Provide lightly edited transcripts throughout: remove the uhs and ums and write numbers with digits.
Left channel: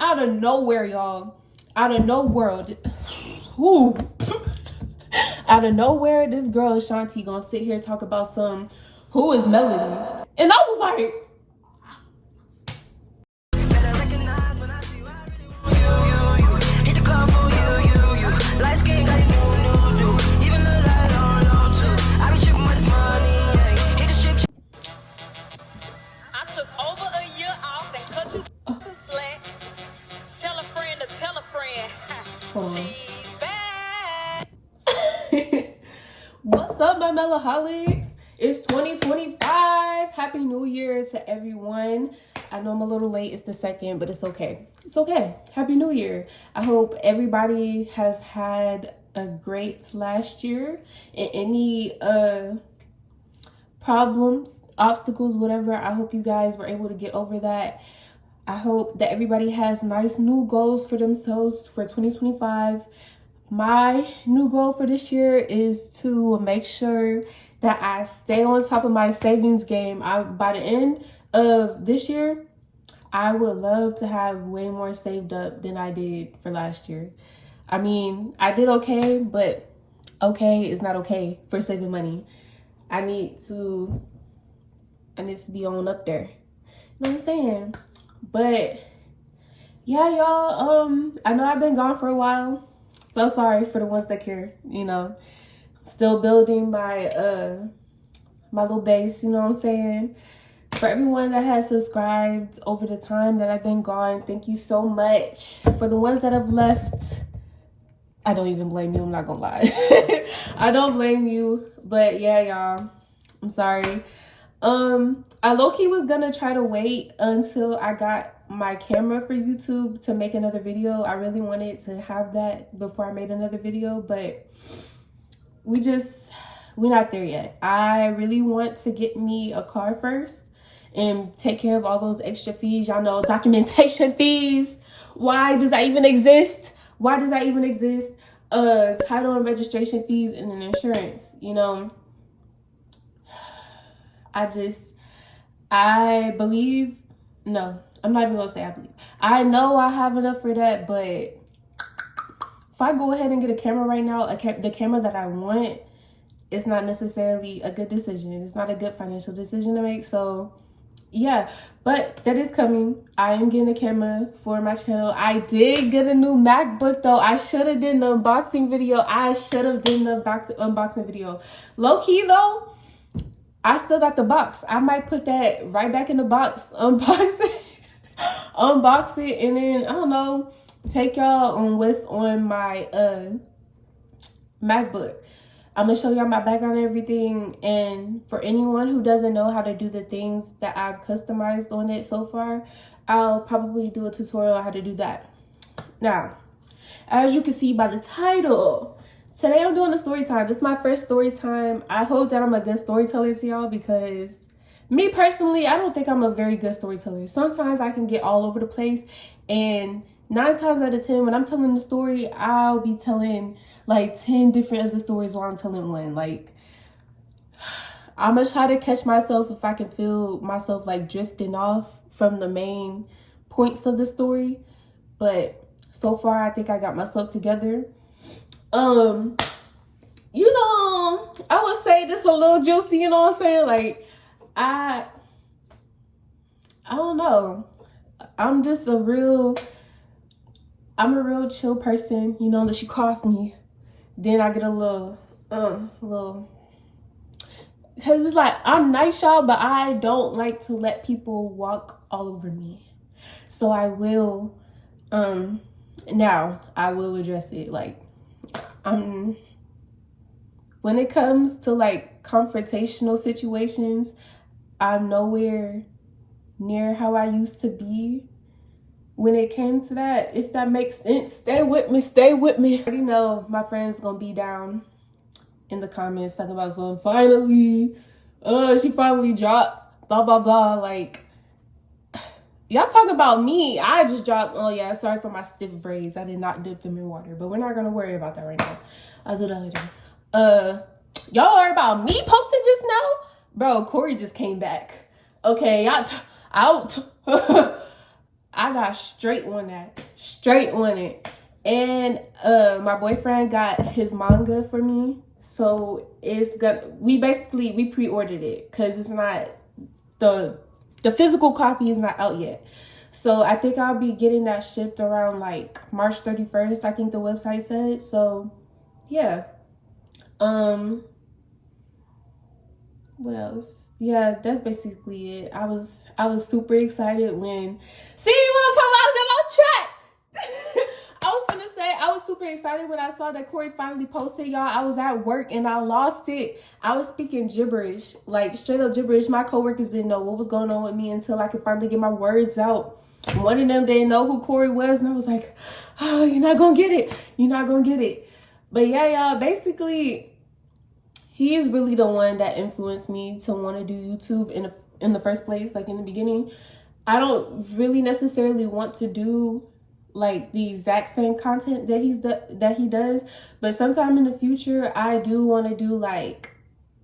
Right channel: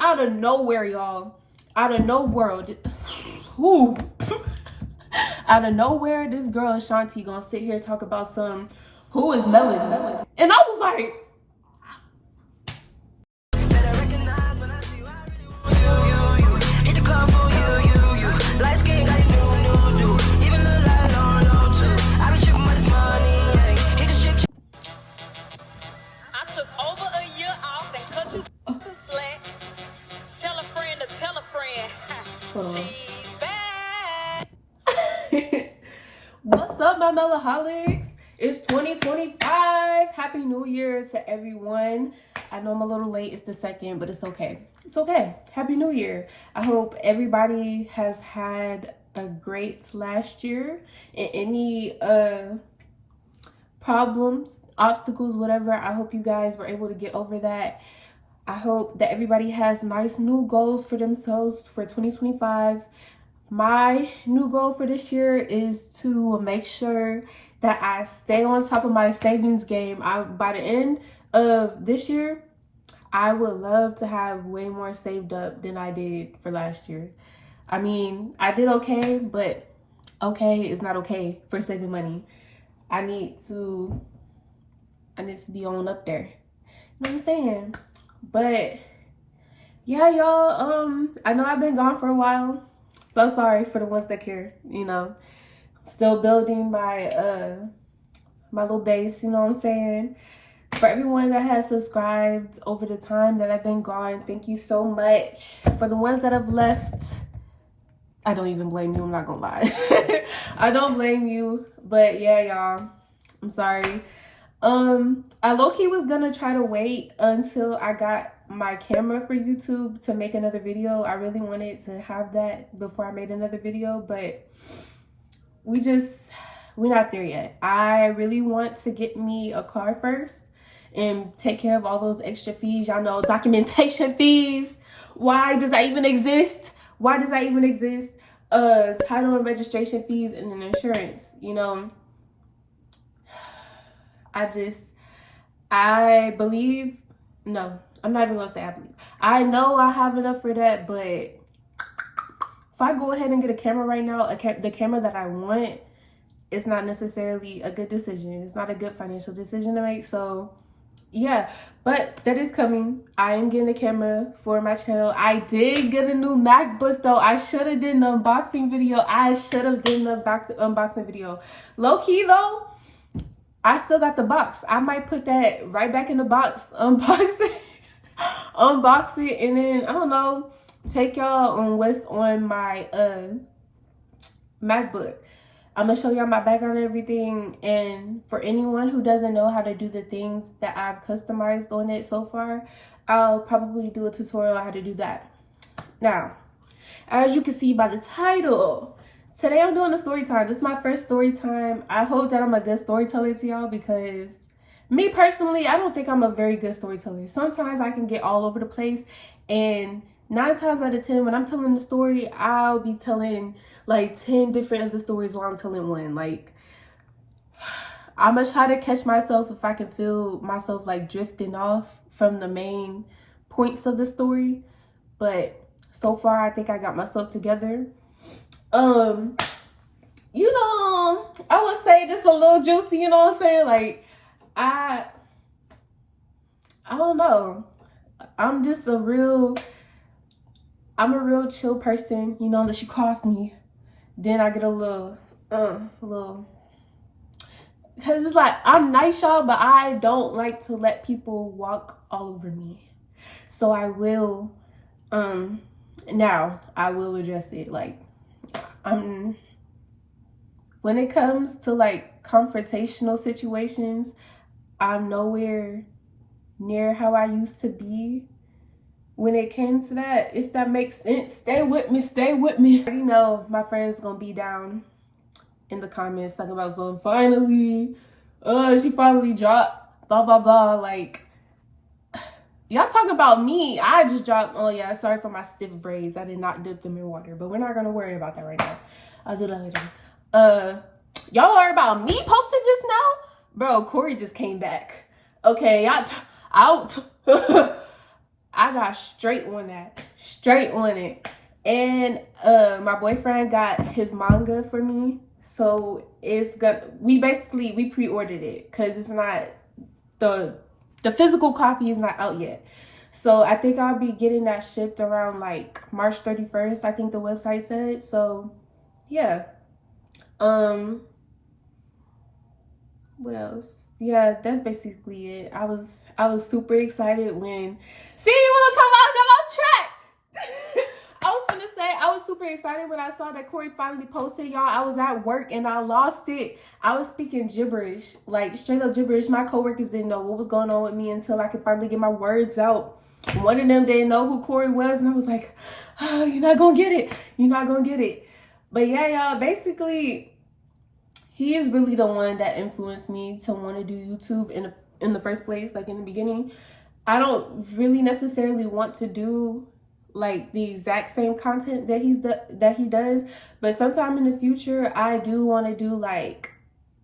out of nowhere, y'all. Out of nowhere. Ooh. Out of nowhere, this girl Ashanti gonna sit here and talk about who is Melody? And I was like, she's back. What's up, my Melaholics? It's 2025. Happy New Year to everyone. I know I'm a little late. It's the 2nd, but it's okay. It's okay. Happy New Year. I hope everybody has had a great last year. And any problems, obstacles, whatever, I hope you guys were able to get over that. I hope that everybody has nice new goals for themselves for 2025. My new goal for this year is to make sure that I stay on top of my savings game. By the end of this year, I would love to have way more saved up than I did for last year. I mean, I did okay, but okay is not okay for saving money. I need to be on up there. You know what I'm saying? But yeah, y'all, I know I've been gone for a while. So sorry for the ones that care, you know. Still building my my little base, you know what I'm saying? For everyone that has subscribed over the time that I've been gone, thank you so much. For the ones that have left, I don't even blame you, I'm not gonna lie. I don't blame you, but yeah, y'all, I'm sorry. I low-key was gonna try to wait until I got my camera for YouTube to make another video. I really wanted to have that before I made another video, but we're not there yet. I really want to get me a car first and take care of all those extra fees. Y'all know, documentation fees. Why does that even exist? Why does that even exist? Title and registration fees and then insurance, you know. I believe, no, I'm not even gonna say I believe. I know I have enough for that, but if I go ahead and get a camera right now, the camera that I want, it's not necessarily a good decision. It's not a good financial decision to make. So yeah, but that is coming. I am getting a camera for my channel. I did get a new MacBook though. I should have done an unboxing video. Low key though, I still got the box. I might put that right back in the box, unbox it, and then, I don't know, take y'all on what's on my MacBook. I'm going to show y'all my background and everything, and for anyone who doesn't know how to do the things that I've customized on it so far, I'll probably do a tutorial on how to do that. Now, as you can see by the title, today I'm doing a story time. This is my first story time. I hope that I'm a good storyteller to y'all, because me personally, I don't think I'm a very good storyteller. Sometimes I can get all over the place, and 9 times out of 10 when I'm telling the story, I'll be telling like 10 different of the stories while I'm telling one. Like, I'm gonna try to catch myself if I can feel myself like drifting off from the main points of the story. But so far, I think I got myself together. You know, I would say this a little juicy, you know what I'm saying? Like, I don't know. I'm a real chill person, you know, unless you cross me. Then I get a little, because it's like, I'm nice, y'all, but I don't like to let people walk all over me. So I will, now I will address it. Like, when it comes to like confrontational situations, I'm nowhere near how I used to be when it came to that. If that makes sense, stay with me. I already know my friends gonna be down in the comments talking about, so finally, she finally dropped, blah, blah, blah. Like, y'all talk about me. I just dropped, oh yeah, sorry for my stiff braids. I did not dip them in water, but we're not gonna worry about that right now. I'll do that later. Y'all worry about me posting just now? Bro, Corey just came back. Okay, I I got straight on it. And my boyfriend got his manga for me, so we pre-ordered it because it's not the physical copy is not out yet. So I think I'll be getting that shipped around like March 31st, I think the website said. So yeah. What else? Yeah, that's basically it. I was super excited when you wanna talk about get off track. I was super excited when I saw that Corey finally posted, y'all. I was at work and I lost it. I was speaking gibberish, like straight up gibberish. My coworkers didn't know what was going on with me until I could finally get my words out. One of them didn't know who Corey was, and I was like, oh, you're not gonna get it. You're not gonna get it. But yeah, y'all, basically, he is really the one that influenced me to want to do YouTube in the first place, like in the beginning. I don't really necessarily want to do like the exact same content that he does, but sometime in the future I do want to do like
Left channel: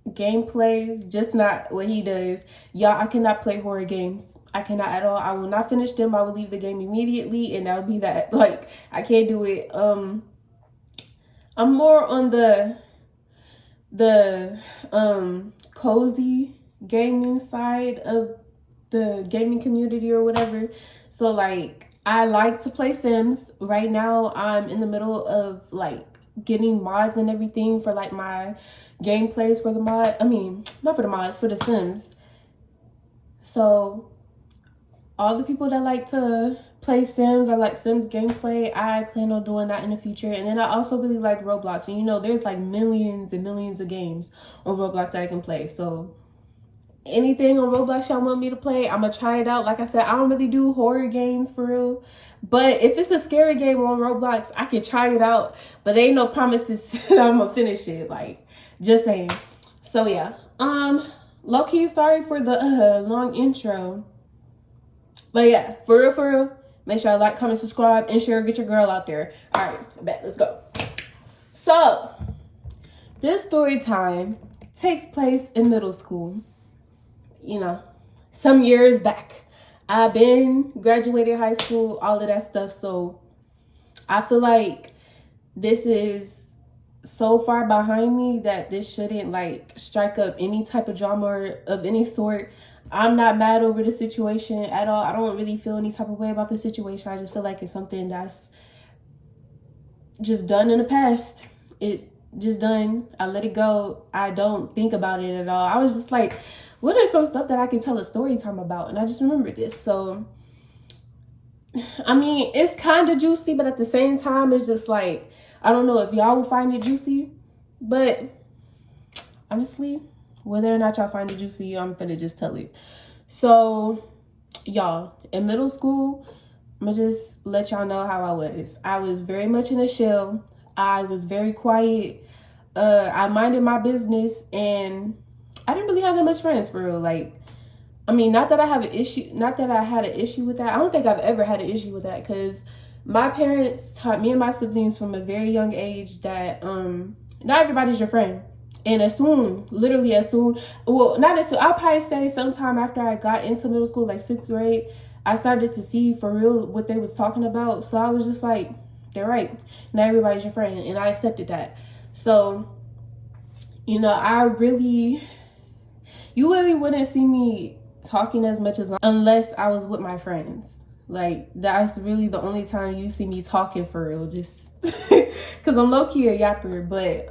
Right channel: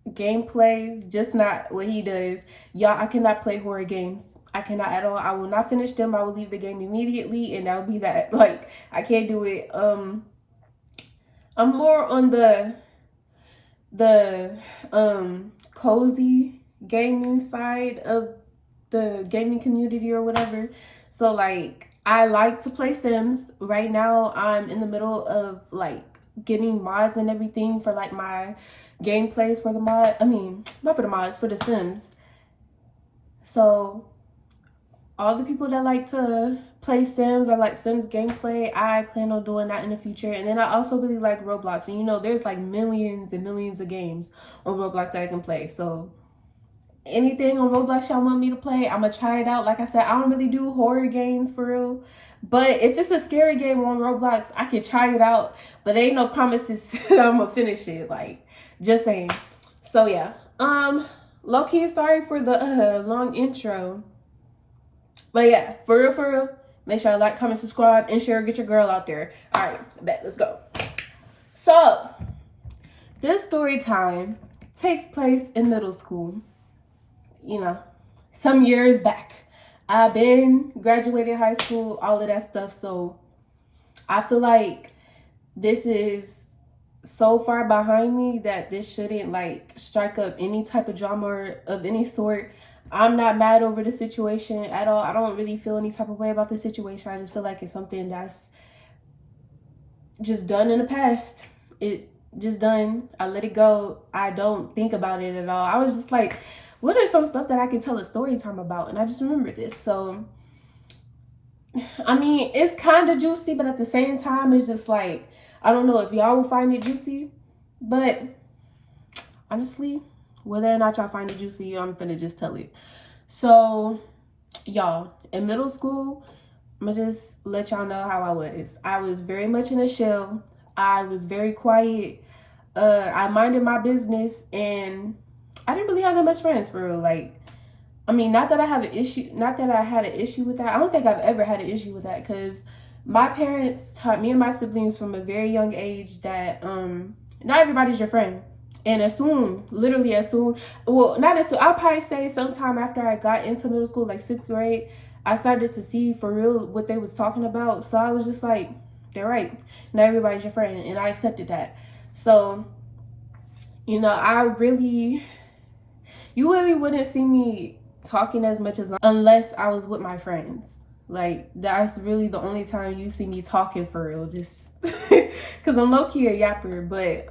gameplays, just not what he does. Y'all, I cannot play horror games. I cannot at all. I will not finish them. I will leave the game immediately, and that'll be that. Like, I can't do it. I'm more on the cozy gaming side of the gaming community or whatever. So like, I like to play Sims. Right now I'm in the middle of like getting mods and everything for like my gameplays for the mod. I mean, not for the mods, for the Sims. So all the people that like to play Sims or like Sims gameplay, I plan on doing that in the future. And then I also really like Roblox, and you know, there's like millions and millions of games on Roblox that I can play. So anything on Roblox y'all want me to play, I'm gonna try it out. Like I said, I don't really do horror games for real, but if it's a scary game on Roblox, I can try it out, but there ain't no promises I'm gonna finish it, like, just saying. So yeah, low-key sorry for the long intro, but yeah, for real, make sure I like, comment, subscribe, and share. Get your girl out there. All right, bet, let's go. So this story time takes place in middle school. You know, some years back. I've been graduated high school, all of that stuff. So I feel like this is so far behind me that this shouldn't like strike up any type of drama of any sort. I'm not mad over the situation at all. I don't really feel any type of way about the situation. I just feel like it's something that's just done in the past. It just done. I let it go. I don't think about it at all. I was just like, what are some stuff that I can tell a story time about? And I just remembered this. So, I mean, it's kind of juicy, but at the same time, it's just like, I don't know if y'all will find it juicy. But honestly, whether or not y'all find it juicy, I'm finna just tell it. So, y'all, in middle school, I'm gonna just let y'all know how I was. I was very much in a shell. I was very quiet. I minded my business, and I didn't really have that much friends for real. Like, I mean, not that I had an issue with that. I don't think I've ever had an issue with that, because my parents taught me and my siblings from a very young age that not everybody's your friend. And literally as soon, well, not as soon, I'll probably say sometime after I got into middle school, like 6th grade, I started to see for real what they was talking about. So I was just like, they're right. Not everybody's your friend. And I accepted that. So, you know, you really wouldn't see me talking as much as unless I was with my friends. Like, that's really the only time you see me talking for real, just because I'm low-key a yapper. But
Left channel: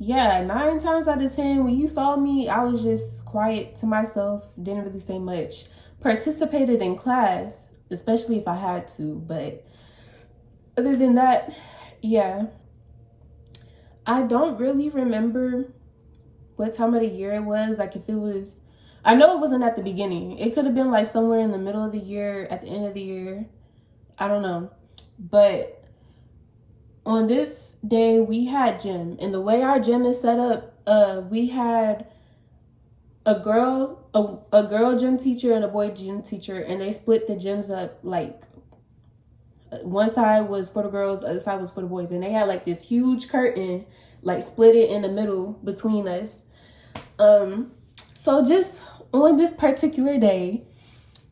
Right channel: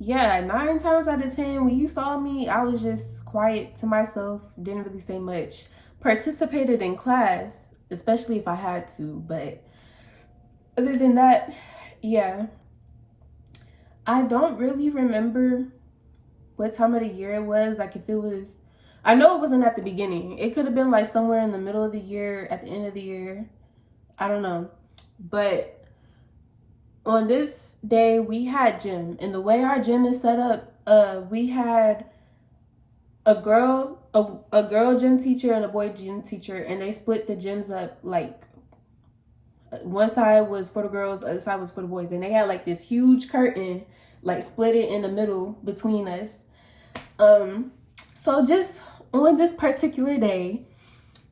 yeah, 9 times out of 10 when you saw me, I was just quiet to myself, didn't really say much. Participated in class, especially if I had to, but other than that, yeah. I don't really remember what time of the year it was. Like, if it was, I know it wasn't at the beginning. It could have been like somewhere in the middle of the year, at the end of the year. I don't know. But on this day, we had gym. And the way our gym is set up, we had a girl gym teacher and a boy gym teacher. And they split the gyms up, like, one side was for the girls, the other side was for the boys. And they had like this huge curtain, like split it in the middle between us. So just on this particular day,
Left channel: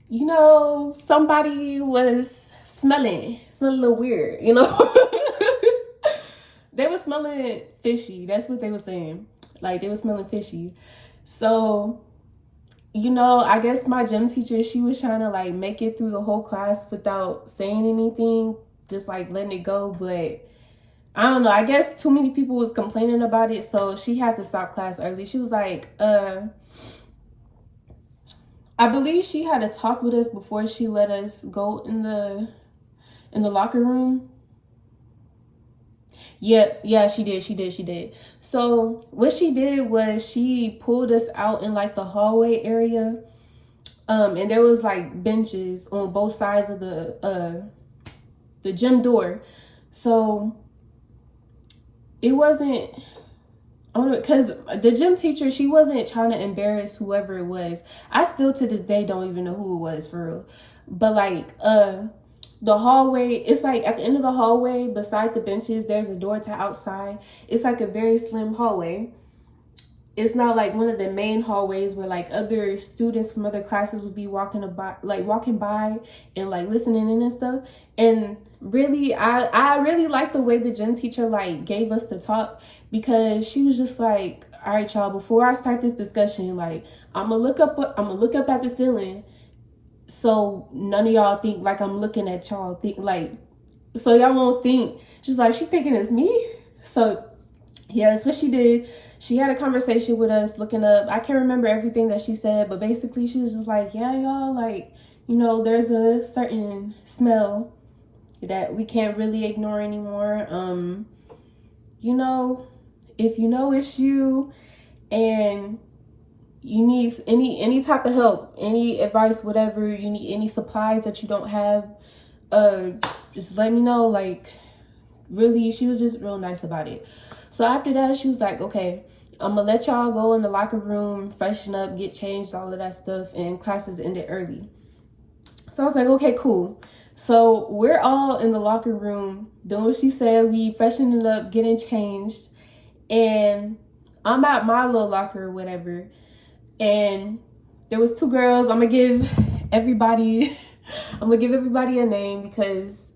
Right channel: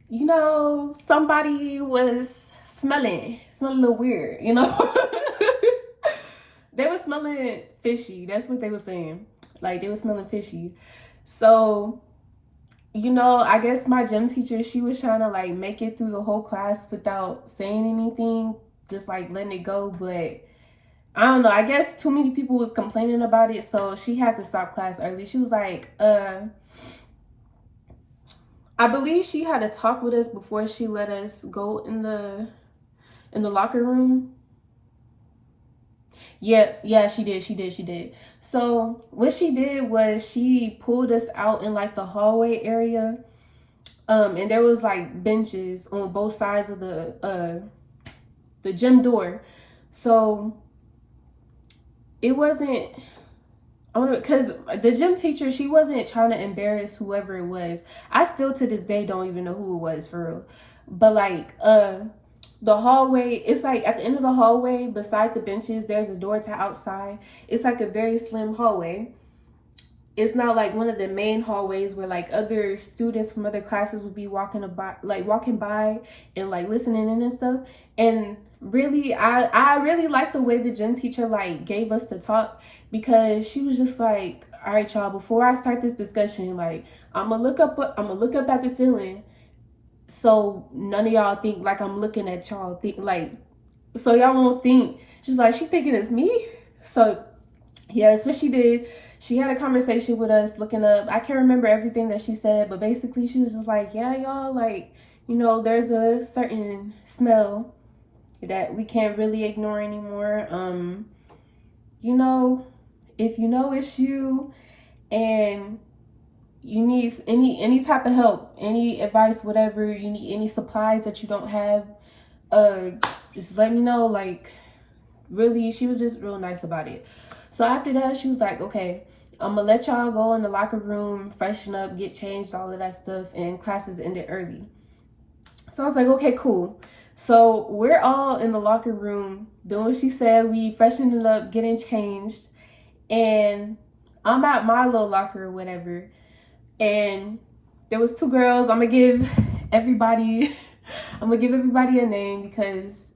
you know, somebody was smelling a little weird, you know. They were smelling fishy. That's what they were saying. Like, they were smelling fishy. So, you know, I guess my gym teacher, she was trying to like make it through the whole class without saying anything, just like letting it go. But I don't know, I guess too many people was complaining about it, so she had to stop class early. She was like, I believe she had a talk with us before she let us go in the locker room. Yeah, she did. So what she did was she pulled us out in like the hallway area. And there was like benches on both sides of the gym door. So it wasn't, I don't know, because the gym teacher, she wasn't trying to embarrass whoever it was. I still to this day don't even know who it was for real. But like the hallway, it's like at the end of the hallway beside the benches, there's a door to outside. It's like a very slim hallway. It's not like one of the main hallways where like other students from other classes would be walking by and like listening in and stuff. And really, I really like the way the gym teacher like gave us the talk, because she was just like, all right, y'all, before I start this discussion, like I'm gonna look up at the ceiling, so none of y'all think like I'm looking at y'all, think like, so y'all won't think. She's like, she thinking it's me. So yeah, that's what she did. She had a conversation with us looking up. I can't remember everything that she said, but basically she was just like, yeah, y'all, like, you know, there's a certain smell that we can't really ignore anymore. You know, if you know it's you and you need any type of help, any advice, whatever, you need any supplies that you don't have, just let me know. Like, really, she was just real nice about it. So after that, she was like, okay, I'm gonna let y'all go in the locker room, freshen up, get changed, all of that stuff, and classes ended early. So I was like, okay, cool. So we're all in the locker room doing what she said. We freshening up, getting changed, and I'm at my little locker or whatever. And there was two girls. I'm gonna give everybody a name, because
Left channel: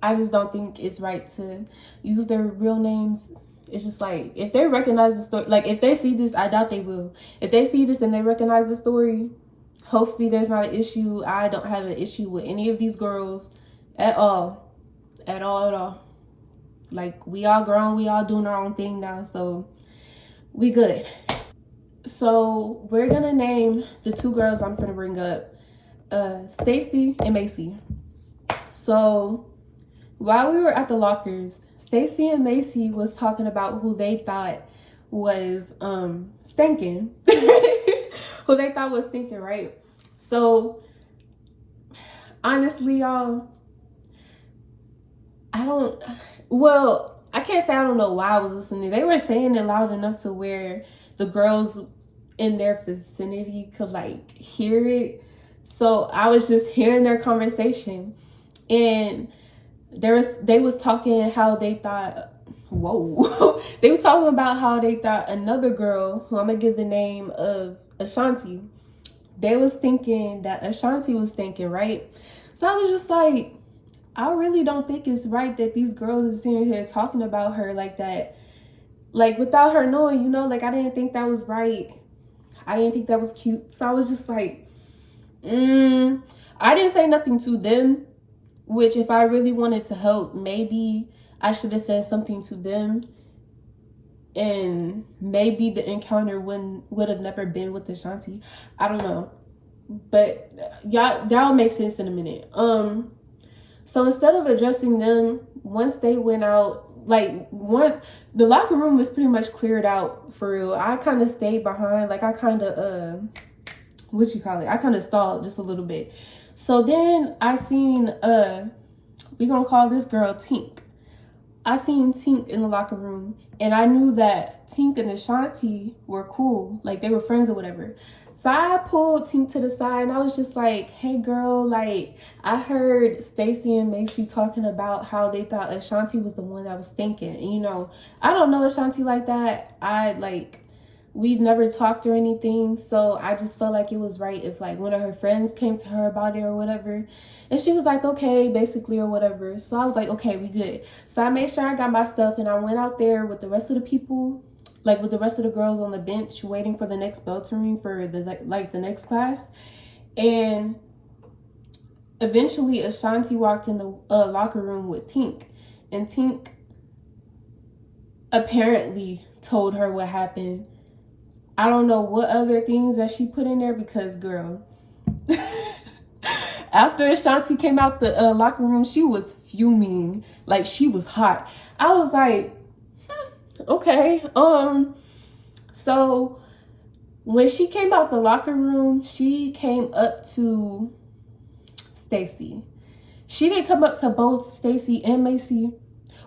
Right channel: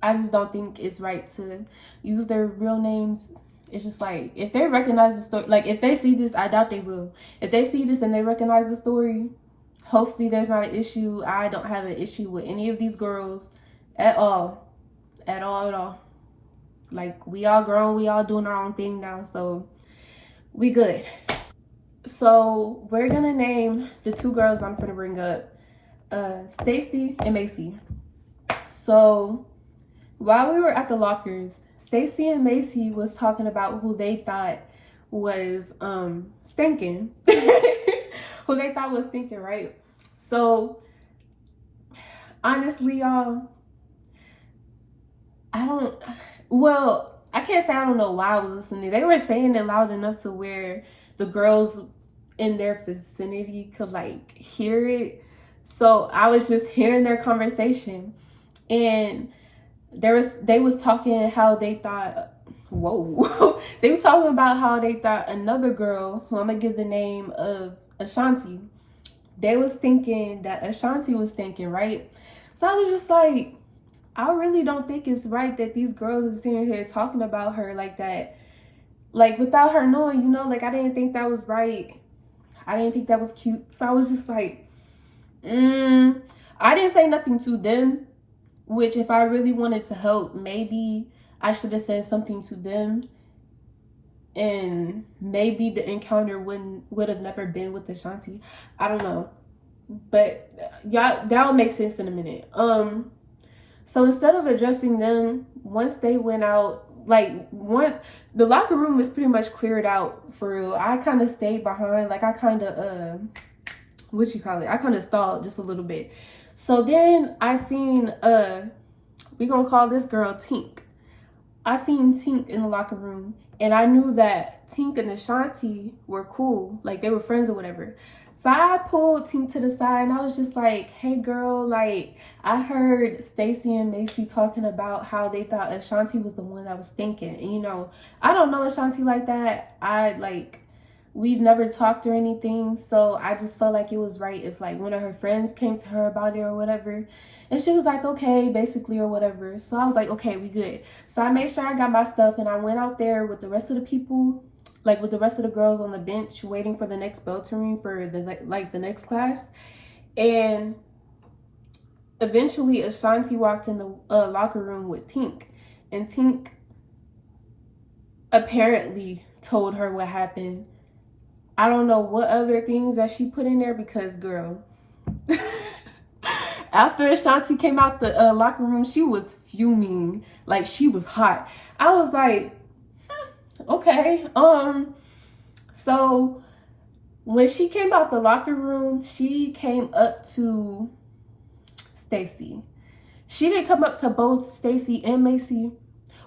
I just don't think it's right to use their real names. It's just like, if they recognize the story, like if they see this, I doubt they will. If they see this and they recognize the story, hopefully there's not an issue. I don't have an issue with any of these girls at all. At all. Like, we all grown, we all doing our own thing now, so we good. So we're gonna name the two girls I'm gonna bring up Stacy and Macy. So while we were at the lockers, Stacy and Macy was talking about who they thought was stinking. Who they thought was stinking, right? So honestly, y'all, I can't say I don't know why I was listening. They were saying it loud enough to where the girls in their vicinity could like hear it. So I was just hearing their conversation, and they was talking how they thought, whoa. They was talking about how they thought another girl, who I'm gonna give the name of Ashanti, they was thinking that Ashanti was thinking, right? So I was just like, I really don't think it's right that these girls are sitting here talking about her like that, like without her knowing, you know. Like, I didn't think that was right. I didn't think that was cute. So I was just like, I didn't say nothing to them, which if I really wanted to help, maybe I should have said something to them, and maybe the encounter would have never been with Ashanti. I don't know, but that'll make sense in a minute. So instead of addressing them, once they went out, like once the locker room was pretty much cleared out for real, I kind of stayed behind. Like, I kind of I kind of stalled just a little bit. So then I seen we gonna call this girl Tink. I seen Tink in the locker room, and I knew that Tink and Ashanti were cool, like they were friends or whatever. So I pulled Tink to the side, and I was just like, hey girl, like I heard Stacy and Macy talking about how they thought Ashanti was the one that was thinking. And you know, I don't know Ashanti like that. we've never talked or anything, so I just felt like it was right if like one of her friends came to her about it or whatever. And she was like, okay, basically, or whatever. So I was like, okay, we good. So I made sure I got my stuff, and I went out there with the rest of the people, like with the rest of the girls on the bench, waiting for the next bell to ring for the next class. And eventually Ashanti walked in the locker room with Tink, and Tink apparently told her what happened. I don't know what other things that she put in there, because girl, after Ashanti came out the locker room, she was fuming. Like, she was hot. I was like, okay. So when she came out the locker room, she came up to Stacy. She didn't come up to both Stacy and Macy.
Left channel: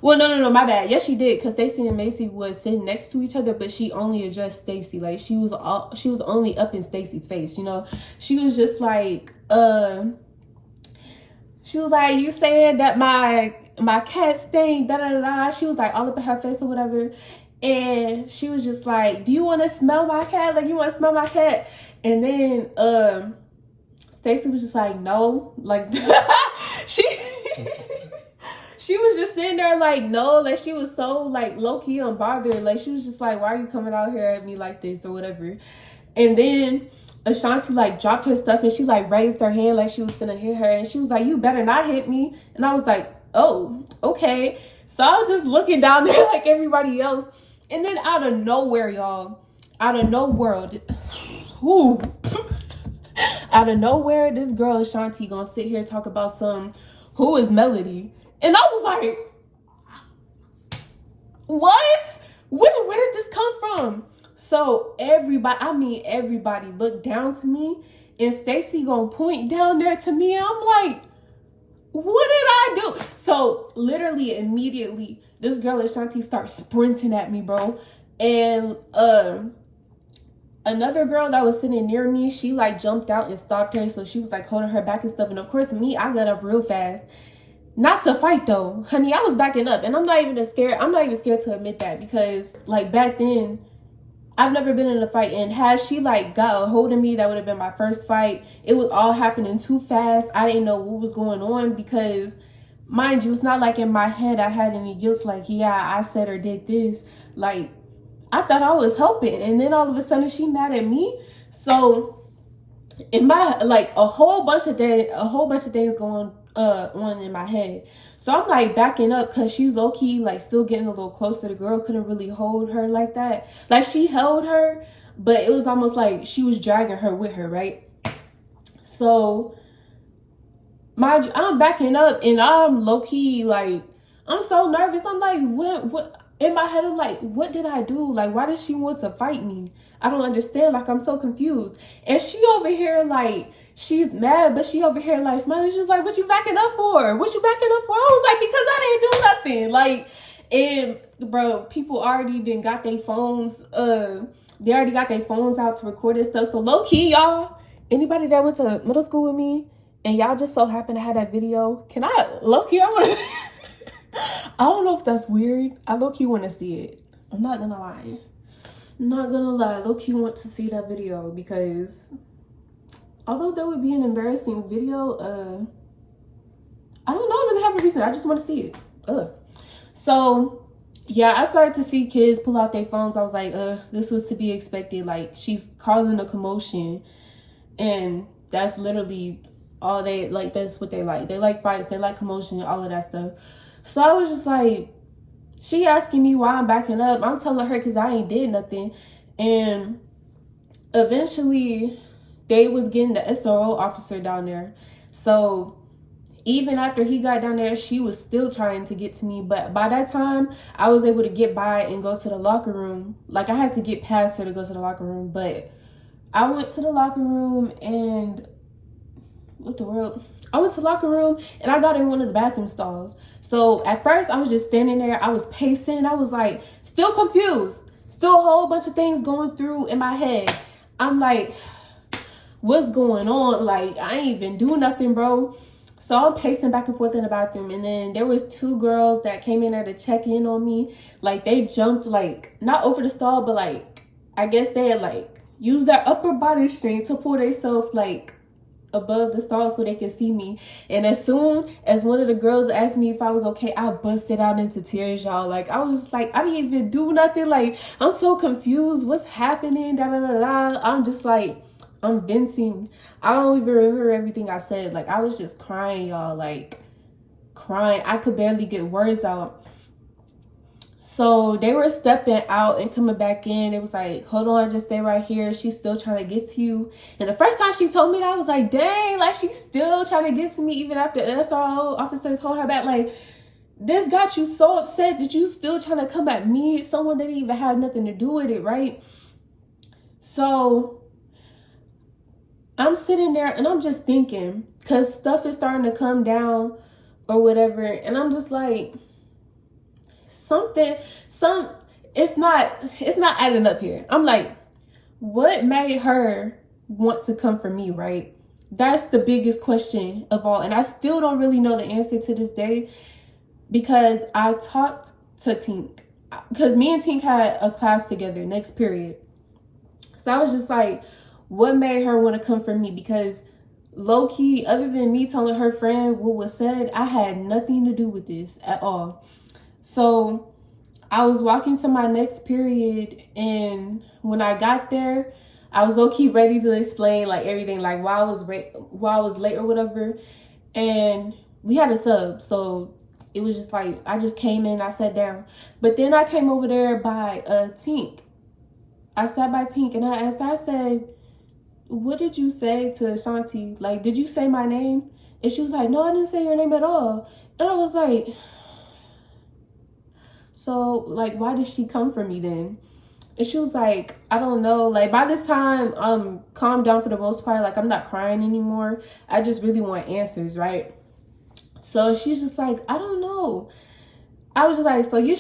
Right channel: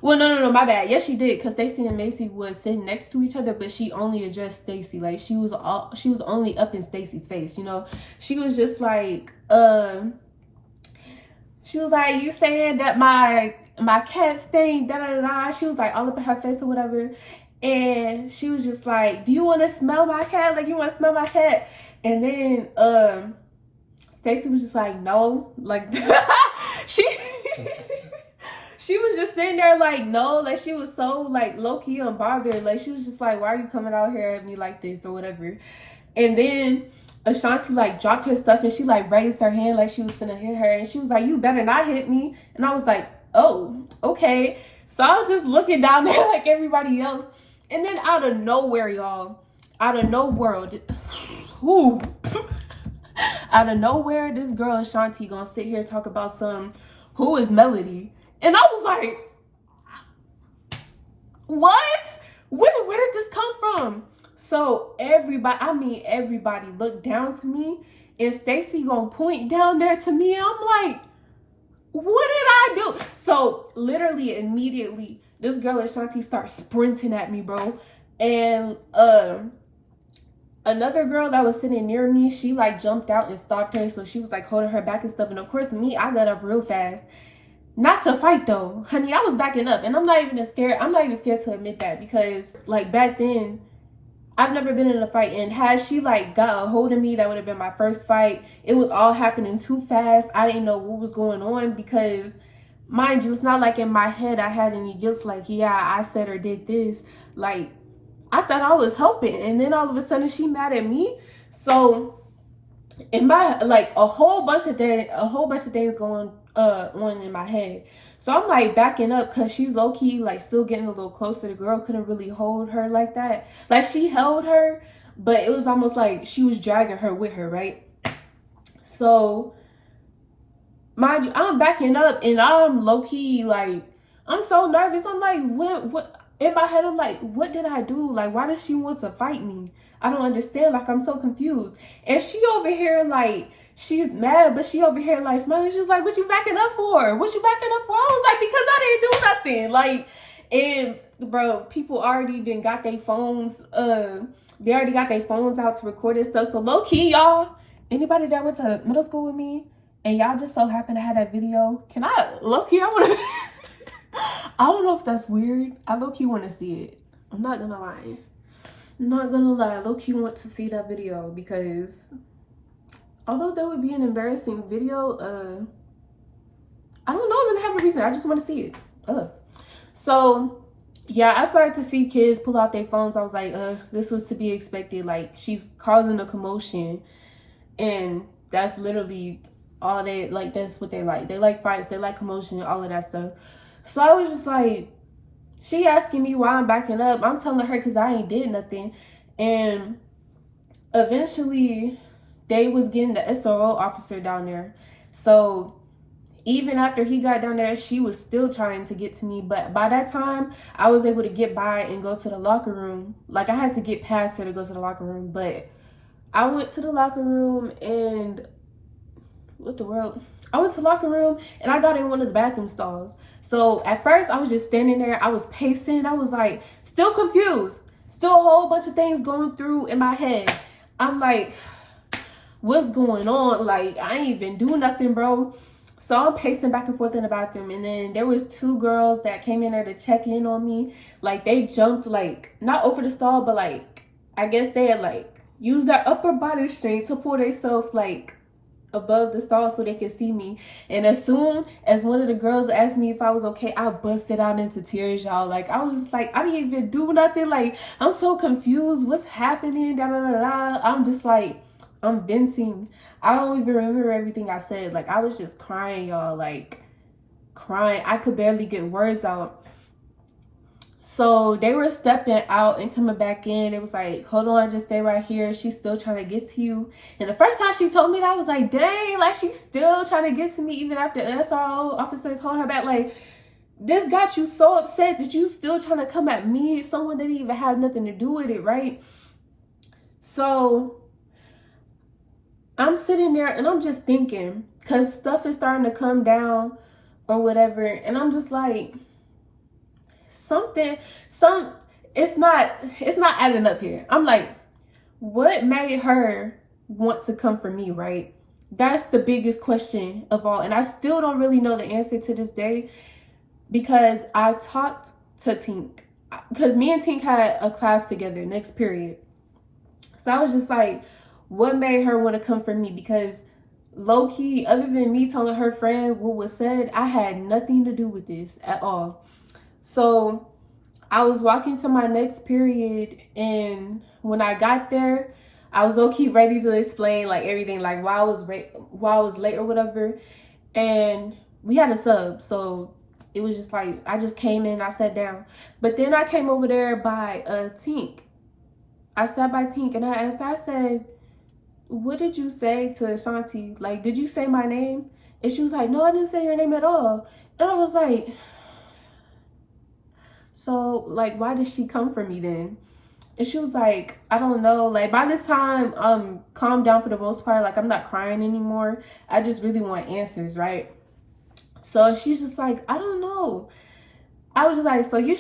Well, no, my bad. Yes, she did, because Stacy and Macy was sitting next to each other, but she only addressed Stacy. Like, she was only up in Stacy's face, you know. She was just like, she was like, you saying that my cat stained, da da da da. She was like all up in her face or whatever. And she was just like, do you want to smell my cat? Like, you want to smell my cat? And then Stacy was just like, no. Like, she was just sitting there like, no. Like, she was so like low-key unbothered. Like, she was just like, why are you coming out here at me like this or whatever? And then Ashanti like dropped her stuff, and she like raised her hand like she was gonna hit her, and she was like, you better not hit me. And I was like, oh, okay. So I was just looking down there like everybody else. And then out of nowhere, y'all, out of nowhere, out of nowhere, this girl Ashanti gonna sit here and talk about who is Melody? And I was like, what? Where did this come from? So everybody looked down to me, and Stacy gonna point down there to me, and I'm like, what did I do? So literally immediately, this girl Ashanti starts sprinting at me, bro. And another girl that was sitting near me, she like jumped out and stopped her. So she was like holding her back and stuff. And of course me, I got up real fast. Not to fight though, honey. I was backing up, and I'm not even scared to admit that, because like back then, I've never been in a fight, and had she like got a hold of me, that would have been my first fight. It was all happening too fast. I didn't know what was going on, because mind you, it's not like in my head I had any guilt, like, yeah, I said or did this. Like, I thought I was helping, and then all of a sudden she mad at me. So in my, like, a whole bunch of things going on in my head. So I'm like backing up, because she's low-key like still getting a little closer. The girl couldn't really hold her like that. Like, she held her, but it was almost like she was dragging her with her, right? So mind you, I'm backing up, and I'm low-key like, I'm so nervous. I'm like, what in my head, I'm like, what did I do? Like, why does she want to fight me? I don't understand. Like, I'm so confused. And she over here like, she's mad, but she over here like smiling. She's like, what you backing up for? What you backing up for? I was like, because I didn't do nothing. Like, and bro, people already got their phones. They already got their phones out to record this stuff. So low key, y'all, anybody that went to middle school with me, and y'all just so happen to have that video, can I, low key, I want to, I don't know if that's weird. I low key want to see it. I'm not gonna lie. Low key want to see that video, because although that would be an embarrassing video, I don't know, I really have a reason. I just want to see it. So yeah, I started to see kids pull out their phones. I was like, this was to be expected. Like, she's causing a commotion, and that's literally all they like. That's what they like. They like fights, they like commotion, all of that stuff. So I was just like, she asking me why I'm backing up. I'm telling her because I ain't did nothing. And eventually they was getting the SRO officer down there. So even after he got down there, she was still trying to get to me. But by that time, I was able to get by and go to the locker room. Like, I had to get past her to go to the locker room. But I went to the locker room, and what the world? I went to the locker room, and I got in one of the bathroom stalls. So at first, I was just standing there. I was pacing. I was like, still confused. Still a whole bunch of things going through in my head. I'm like, what's going on? Like, I ain't even do nothing, bro. So I'm pacing back and forth in the bathroom, and then there was two girls that came in there to check in on me. Like, they jumped, like, not over the stall, but like I guess they had like used their upper body strength to pull themselves like above the stall so they could see me. And as soon as one of the girls asked me if I was okay, I busted out into tears, y'all. Like, I was like, I didn't even do nothing. Like, I'm so confused. What's happening? Da, da, da, da. I'm just like, I'm venting. I don't even remember everything I said. Like, I was just crying, y'all. Like, crying. I could barely get words out. So they were stepping out and coming back in. It was like, hold on, just stay right here. She's still trying to get to you. And the first time she told me that, I was like, dang, like she's still trying to get to me even after the SRO officers hold her back. Like, this got you so upset that you still trying to come at me, someone that didn't even have nothing to do with it, right? So I'm sitting there and I'm just thinking, because stuff is starting to come down or whatever. And I'm just like, it's not adding up here. I'm like, what made her want to come for me, right? That's the biggest question of all. And I still don't really know the answer to this day, because I talked to Tink, because me and Tink had a class together next period. So I was just like, what made her want to come for me? Because low-key, other than me telling her friend what was said, I had nothing to do with this at all. So I was walking to my next period, and when I got there, I was low-key ready to explain like everything, like why I was late or whatever. And we had a sub, so it was just like, I just came in, I sat down. But then I came over there by Tink. I sat by Tink and I asked her, I said, what did you say to Ashanti? Like, did you say my name? And she was like, no, I didn't say your name at all. And I was like, so, like, why did she come for me then? And she was like, I don't know. Like, by this time, calmed down for the most part. Like, I'm not crying anymore. I just really want answers, right? So she's just like, I don't know. I was just like, so you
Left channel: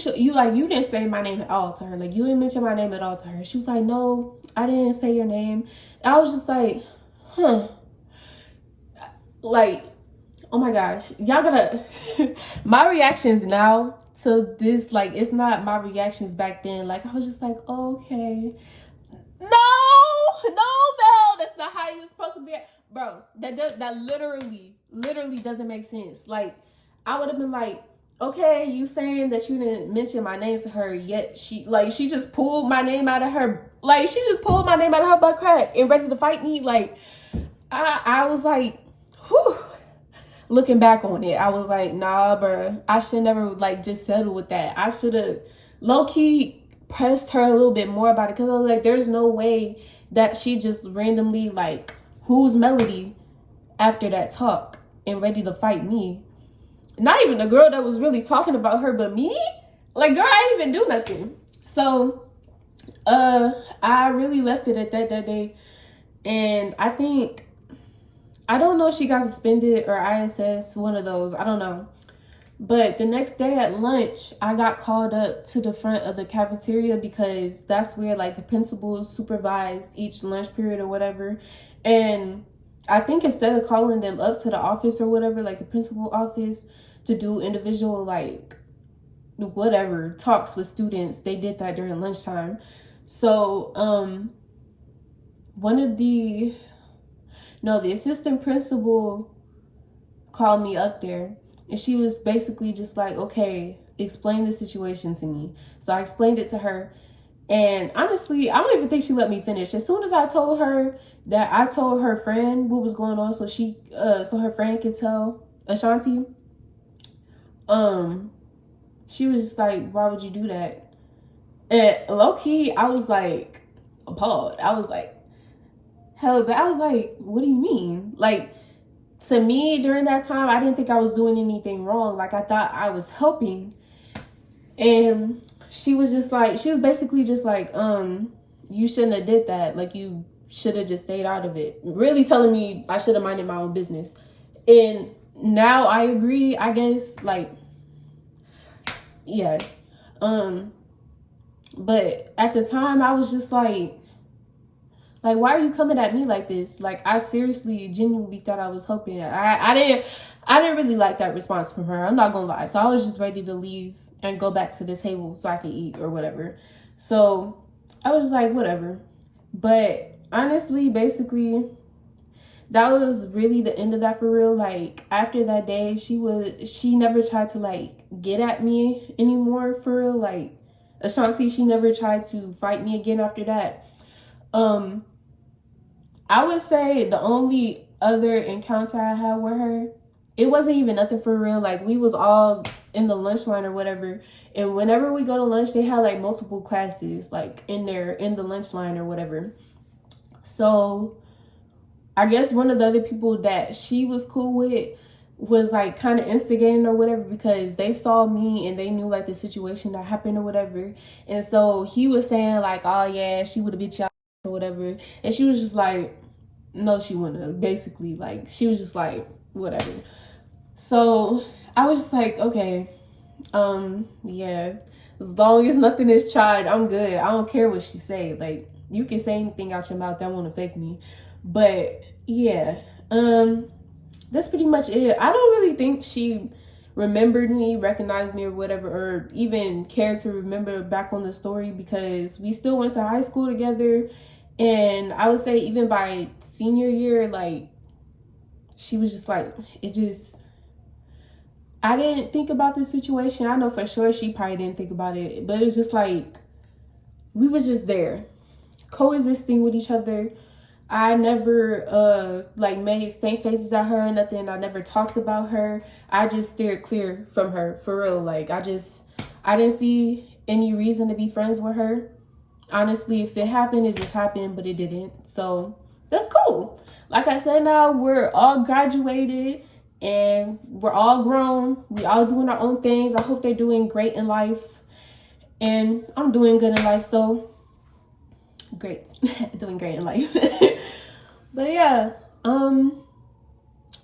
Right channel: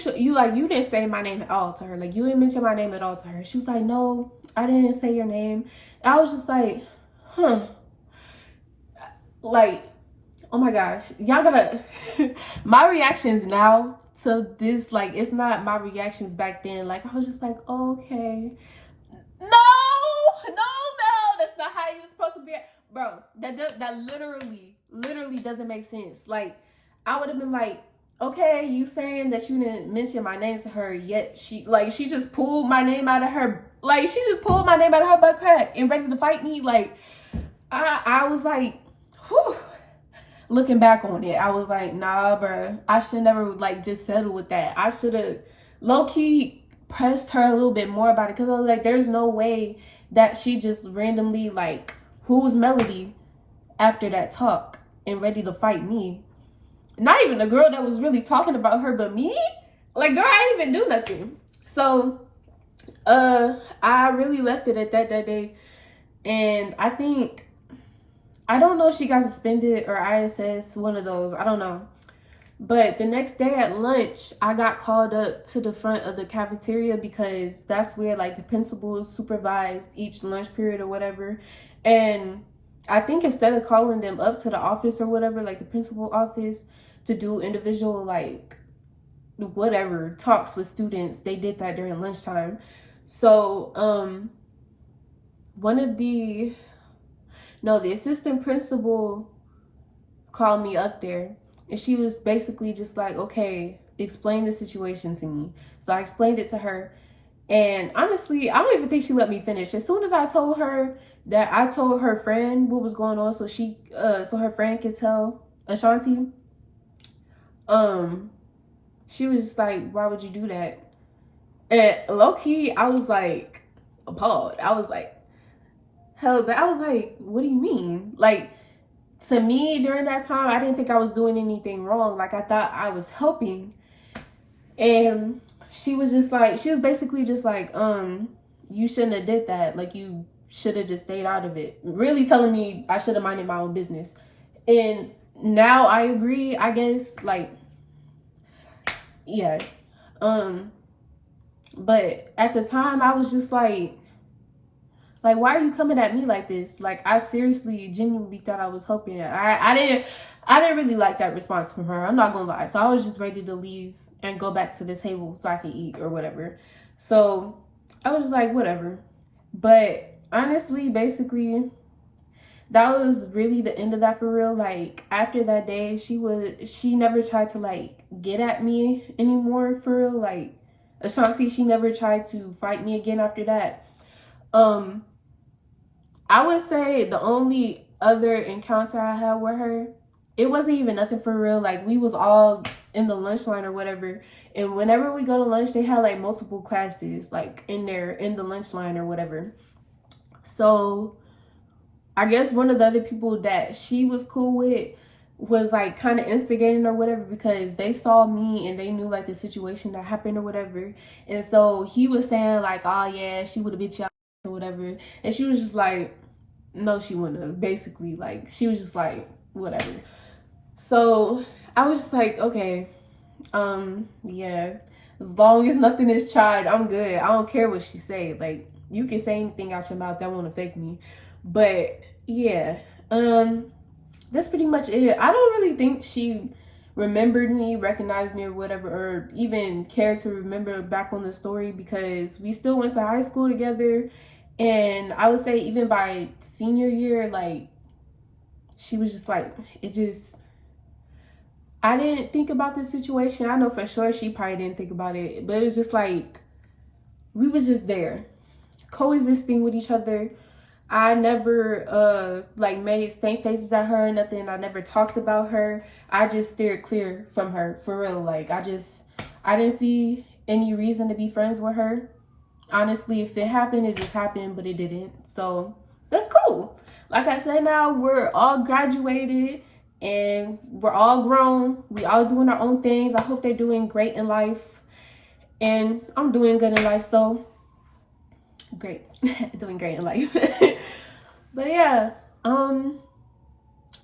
didn't say my name at all to her. Like, you didn't mention my name at all to her. She was like, no, I didn't say your name. And I was just like, huh. Like, oh my gosh. Y'all gotta, my reactions now to this, like, it's not my reactions back then. Like, I was just like, okay. No, Mel, that's not how you're supposed to be. Bro, that literally doesn't make sense. Like, I would have been like, okay, you saying that you didn't mention my name to her, yet she just pulled my name out of her, like, she just pulled my name out of her butt crack and ready to fight me. Like, I was like, whew. Looking back on it, I was like, nah, bro, I should never, like, just settle with that. I should have low-key pressed her a little bit more about it, because I was like, there's no way that she just randomly, like, who's Melody after that talk and ready to fight me. Not even the girl that was really talking about her, but me? Like, girl, I didn't even do nothing. So, I really left it at that day. And I don't know if she got suspended or ISS, one of those. I don't know. But the next day at lunch, I got called up to the front of the cafeteria, because that's where, like, the principal supervised each lunch period or whatever. And I think instead of calling them up to the office or whatever, like the principal office, to do individual, like, whatever, talks with students, they did that during lunchtime. So, the assistant principal called me up there, and she was basically just like, okay, explain the situation to me. So I explained it to her, and honestly, I don't even think she let me finish. As soon as I told her that I told her friend what was going on, so her friend could tell Ashanti, she was just like, why would you do that? And low-key, I was like appalled. I was like, hell, but I was like, what do you mean? Like, to me, during that time, I didn't think I was doing anything wrong. Like, I thought I was helping. And she was basically just like, you shouldn't have did that. Like, you should have just stayed out of it. Really telling me I should have minded my own business. And now I agree, I guess, like, yeah. But at the time, I was just like, why are you coming at me like this? Like, I seriously, genuinely thought I was helping. I didn't really like that response from her. I'm not gonna lie. So I was just ready to leave and go back to the table so I can eat or whatever. So I was just like, whatever. But honestly, basically, that was really the end of that for real. Like, after that day, she never tried to like get at me anymore for real. Like, Ashanti, she never tried to fight me again after that. I would say the only other encounter I had with her, it wasn't even nothing for real. Like, we was all in the lunch line or whatever, and whenever we go to lunch, they had like multiple classes like in the lunch line or whatever. So I guess one of the other people that she was cool with was like kind of instigating or whatever, because they saw me and they knew like the situation that happened or whatever. And so he was saying like, oh yeah, she would have beat y'all or whatever. And she was just like, no, she wouldn't have. Basically, like, she was just like, whatever. So I was just like, okay, yeah, as long as nothing is tried, I'm good. I don't care what she say. Like, you can say anything out your mouth, that won't affect me. But yeah, that's pretty much it. I don't really think she remembered me, recognized me or whatever, or even cared to remember back on the story, because we still went to high school together. And I would say even by senior year, like, she was just like, I didn't think about this situation. I know for sure she probably didn't think about it, but it's just like, we was just there, coexisting with each other. I never like made stank faces at her or nothing. I never talked about her. I just steered clear from her for real. Like, I didn't see any reason to be friends with her. Honestly, if it happened, it just happened, but it didn't. So that's cool. Like I said, now we're all graduated and we're all grown. We all doing our own things. I hope they're doing great in life. And I'm doing good in life, so great. Doing great in life. But yeah,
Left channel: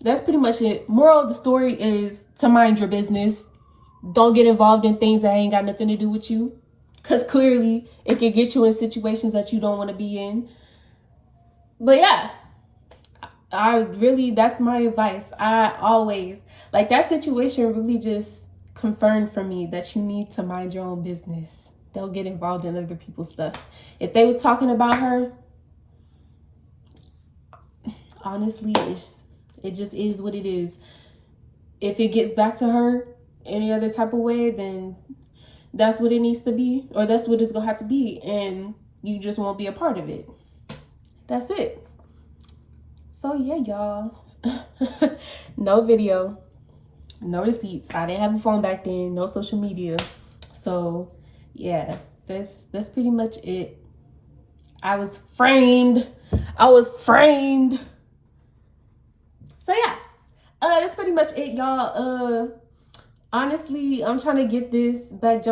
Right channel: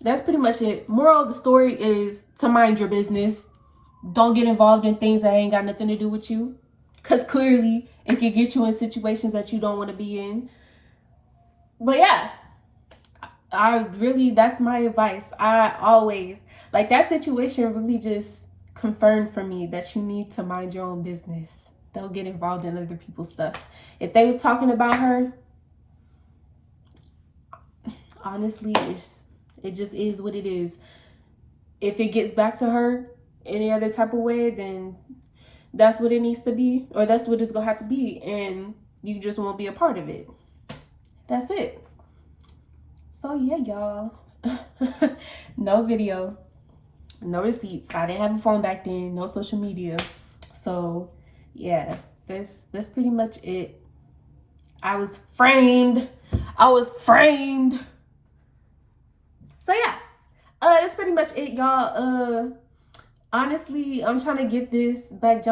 that's pretty much it. Moral of the story is to mind your business. Don't get involved in things that ain't got nothing to do with you, because clearly it could get you in situations that you don't want to be in. But yeah, that's my advice. I always, like, that situation really just confirmed for me that you need to mind your own business. Don't get involved in other people's stuff. If they was talking about her, honestly, it just is what it is. If it gets back to her any other type of way, then that's what it needs to be, or that's what it's gonna have to be, and you just won't be a part of it. That's it. So yeah, y'all. No video, no receipts. I didn't have a phone back then, no social media. So yeah, that's pretty much it. I was framed. So yeah, that's pretty much it, y'all. Honestly, I'm trying to get this back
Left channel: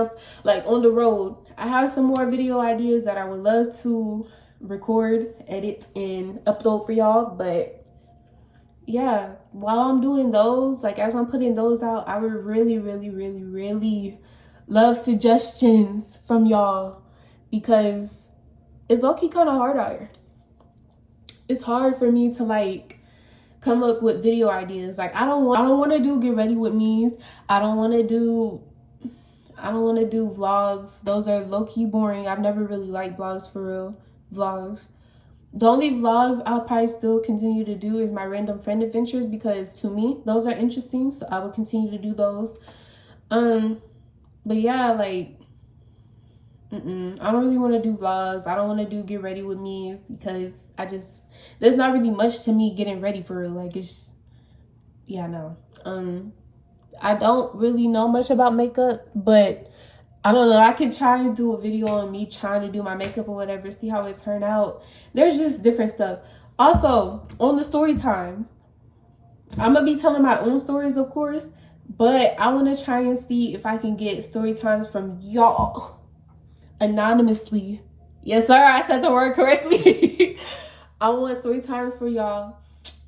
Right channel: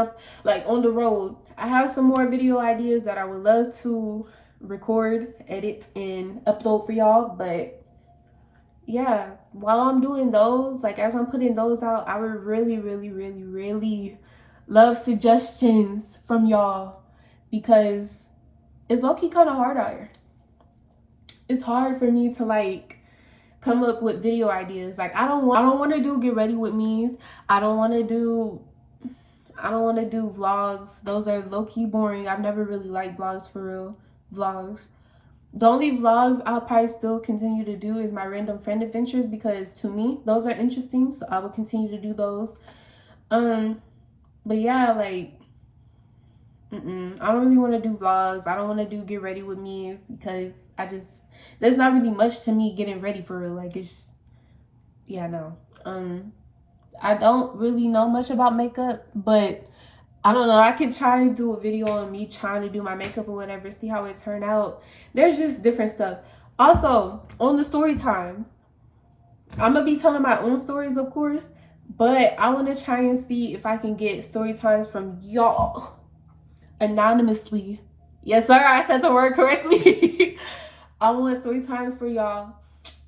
like on the road. I have some more video ideas that I would love to record, edit, and upload for y'all. But yeah, while I'm doing those, like, as I'm putting those out, I would really, really, really, really love suggestions from y'all, because it's low-key kind of hard out here. It's hard for me to like come up with video ideas. Like, I don't want to do get ready with me's. I don't want to do vlogs. Those are low-key boring. I've never really liked vlogs for real. Vlogs. The only vlogs I'll probably still continue to do is my random friend adventures, because to me those are interesting, so I will continue to do those. But yeah, like, I don't really want to do vlogs. I don't want to do get ready with me's, because there's not really much to me getting ready for real. Like, it's, yeah, no. I don't really know much about makeup, but I don't know. I could try to do a video on me trying to do my makeup or whatever, see how it turned out. There's just different stuff. Also, on the story times, I'm going to be telling my own stories, of course, but I want to try and see if I can get story times from y'all anonymously. Yes, sir. I said the word correctly. I want story times for y'all,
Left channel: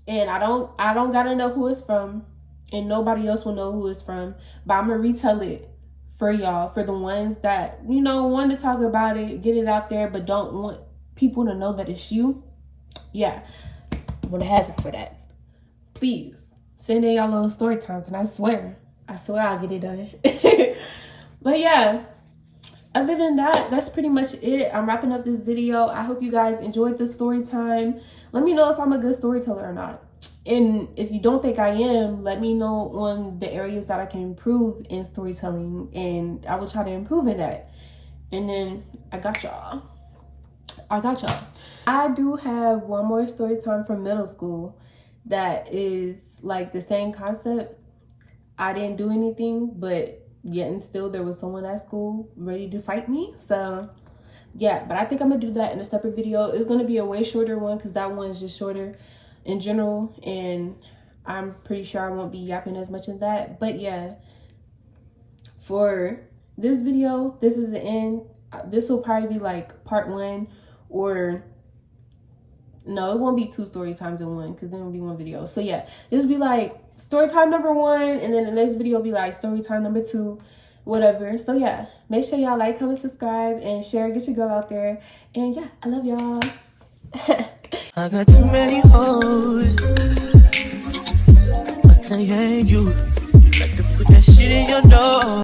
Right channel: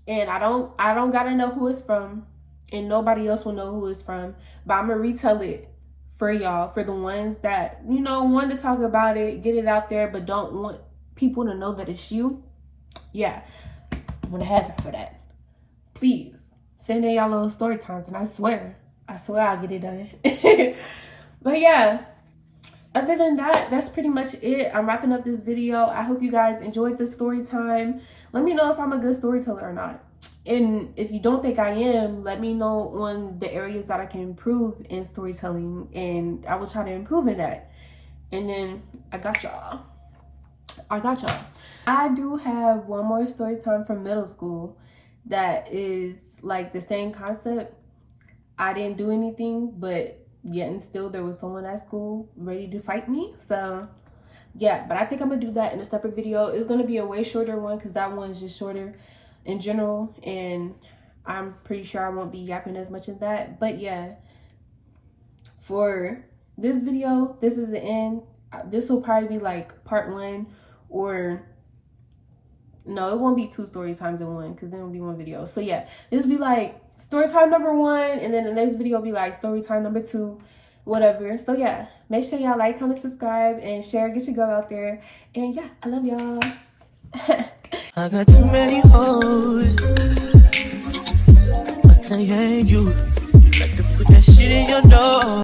and I don't gotta know who it's from, and nobody else will know who it's from, but I'm gonna retell it for y'all, for the ones that, you know, want to talk about it, get it out there, but don't want people to know that it's you. Yeah, I'm gonna have it for that. Please send in y'all little story times, and I swear I'll get it done. But yeah, other than that, that's pretty much it. I'm wrapping up this video. I hope you guys enjoyed the story time. Let me know if I'm a good storyteller or not. And if you don't think I am, let me know on the areas that I can improve in storytelling, and I will try to improve in that. And then I got y'all. I do have one more story time from middle school that is like the same concept. I didn't do anything, but yet and still there was someone at school ready to fight me. So yeah, but I think I'm gonna do that in a separate video. It's gonna be a way shorter one because that one is just shorter in general, and I'm pretty sure I won't be yapping as much as that. But yeah, for this video, this is the end. This will probably be like part 1, or no, it won't be 2 story times in one because then it'll be one video. So yeah, this will be like story time number 1, and then the next video will be like story time number 2, whatever. So yeah, make sure y'all like, comment, subscribe, and share. Get your girl out there. And yeah, I love y'all. I got too many hoes. I can't hang you. Like to put that shit in your nose.